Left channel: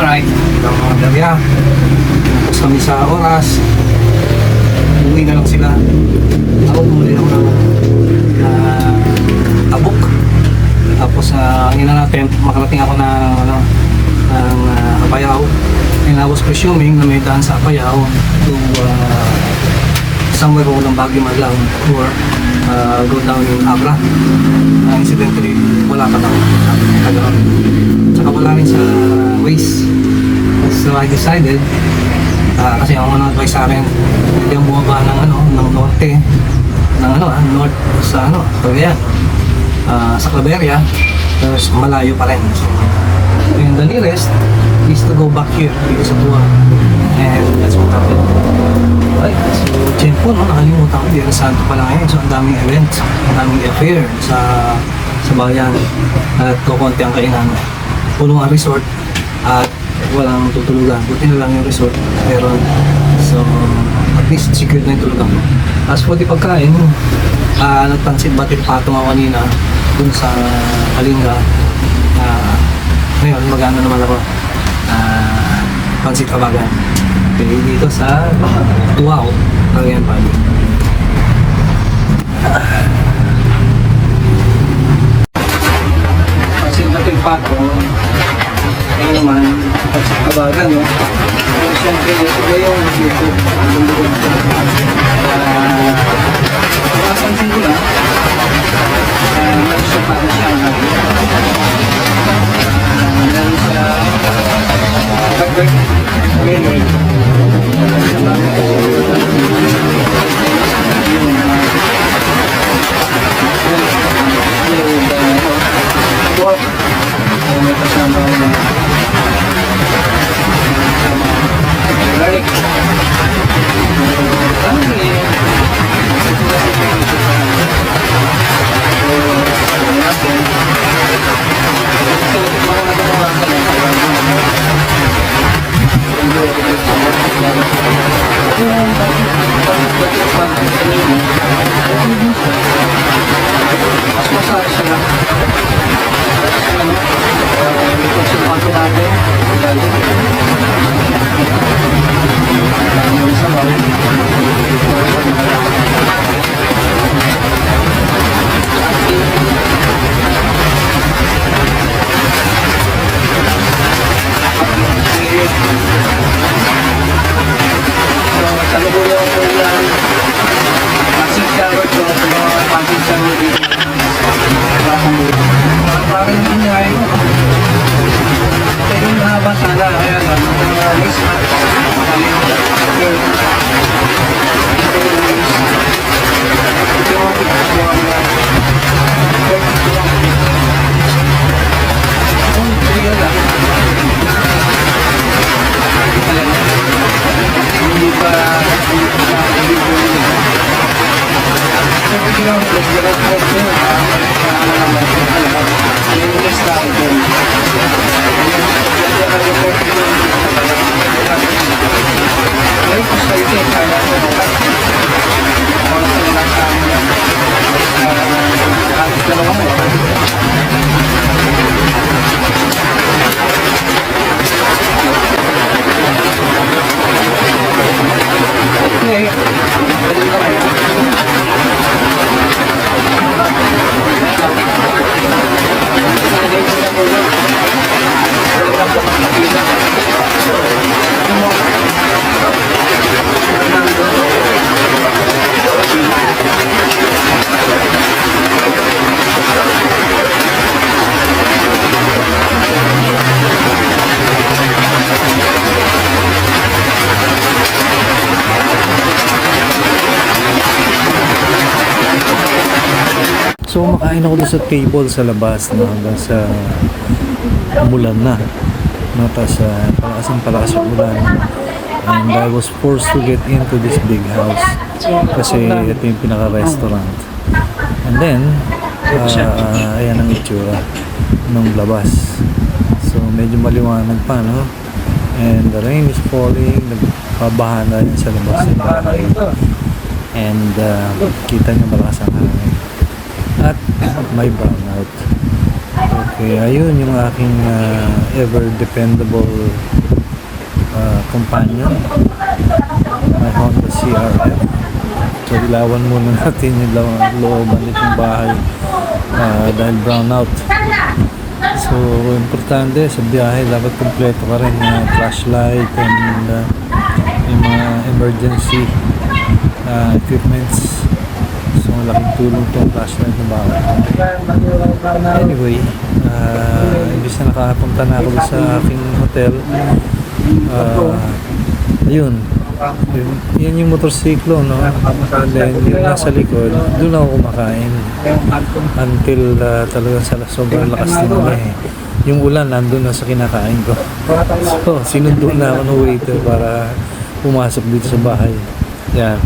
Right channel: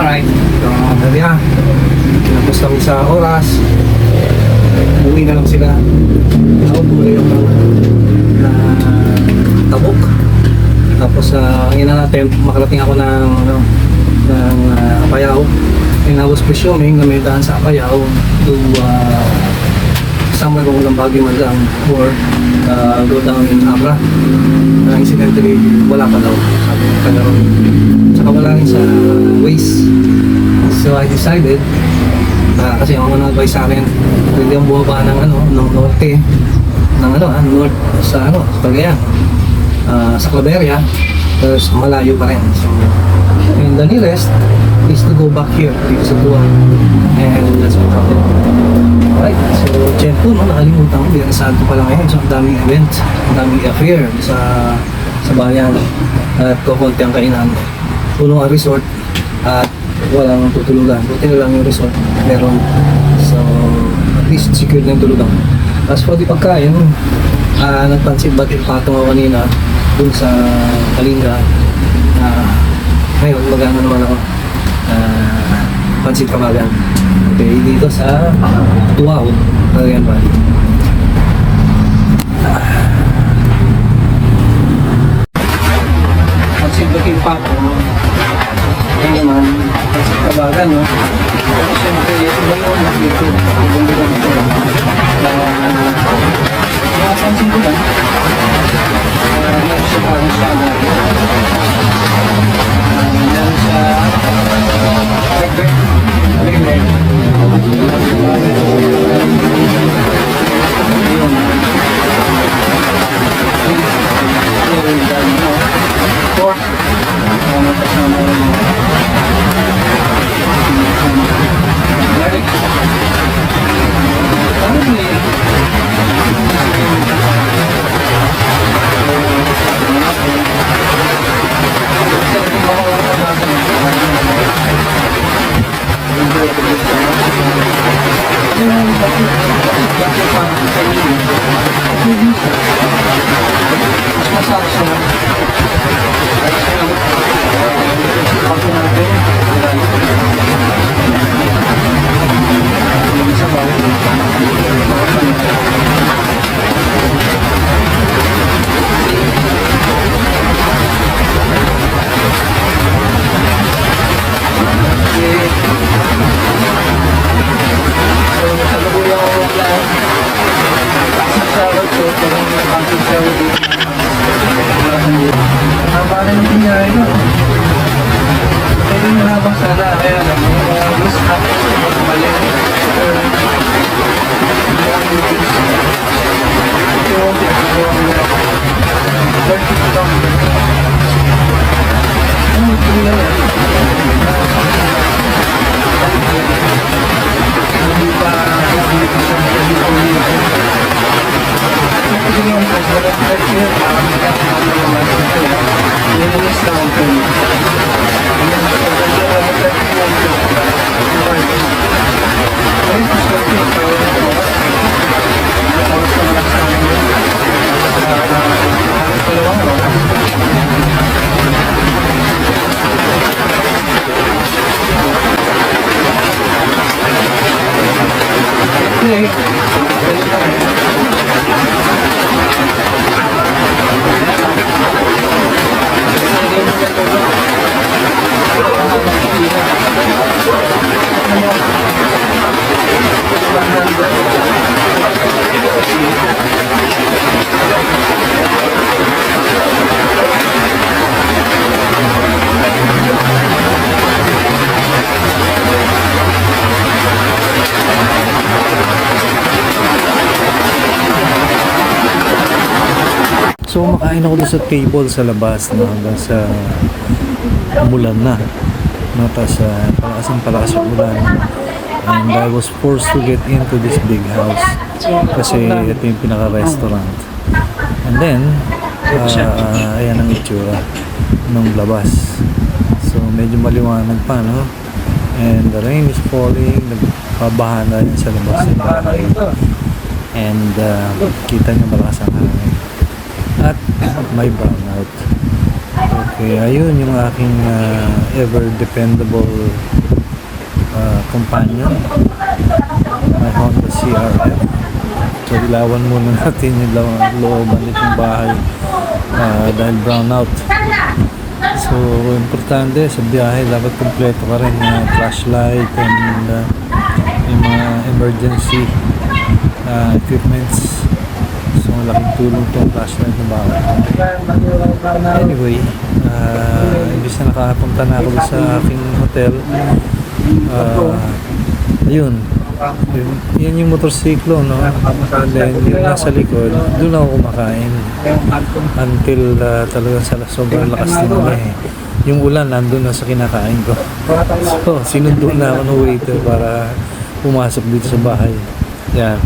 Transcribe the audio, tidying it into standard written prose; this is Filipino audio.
Alright, lang mga barya. Tapos kami sa oras. Uwi na lang sila. Ako bumili lang na tabok. Tapos ang ina natin, makarating ako ng Apayao. And I was presuming na may daan sa Apayao to somewhere over ng Baguio Madlang or go down in Abra. Incidentally, wala pa daw. Sabi ng taga-ron. Saka wala rin sa Waze. So I decided, kasi ang unang advice sa akin, pwede ang bumaba ng norte, north sa Cagayan, sa Claveria, tapos malayo pa rin. So, and the nearest is to go back here, because of Duwag. And that's what happened. Right, so Jempo, nakalimutan ko, yan Santo pala ngayon. So ang daming events, ang daming affair sa bayan. At kukunti ang kainan. Puno ang resort at walang tutulugan. Buti na lang yung resort meron. So at least secured na yung tulugan. As for the pagkain, nagpansit batit patong ako kanina dun sa Kalinga. Ngayon magano naman ako, pansit kabagan. Okay, dito sa Tuao, Cagayan Valley. Pansit batit patong. Ayun naman, pansit kabagan, no? Pero siyempre, ito ba yung dito? Mapansin ko na, meron siya pa rin siya meron siya record trailer. Ayun. Pork. Kasama rin mo. Garlic. So makain ako doon sa table sa labas na hanggang sa umulan na. No, tapos palakas yung ulan. And I was forced to get into this big house kasi ito yung pinaka-restaurant. And then, ayan ang itsura ng labas. So medyo maliwanag pa, no? And the rain is falling, nagpabaha na yun sa labas ng bahay. And kita nyo malakas ang hangin. At may brownout. Okay, ayun yung aking ever dependable companion, my Honda CRF. So ilawan muna natin yung looban nitong bahay dahil brown out. So importante sa biyahe dapat kompleto ka rin flashlight and yung mga emergency equipments. So malaking tulong itong flashlight na bawal. Anyway, imbis na nakapunta na ako sa aking hotel, ayun, yan yung motorsiklo, no? And then yung nasa likod, doon ako kumakain until talagang sobrang lakas na eh. Yung ulan nandun na sa kinakain ko. So sinundo na ako ng waiter para pumasok dito sa bahay. Yan.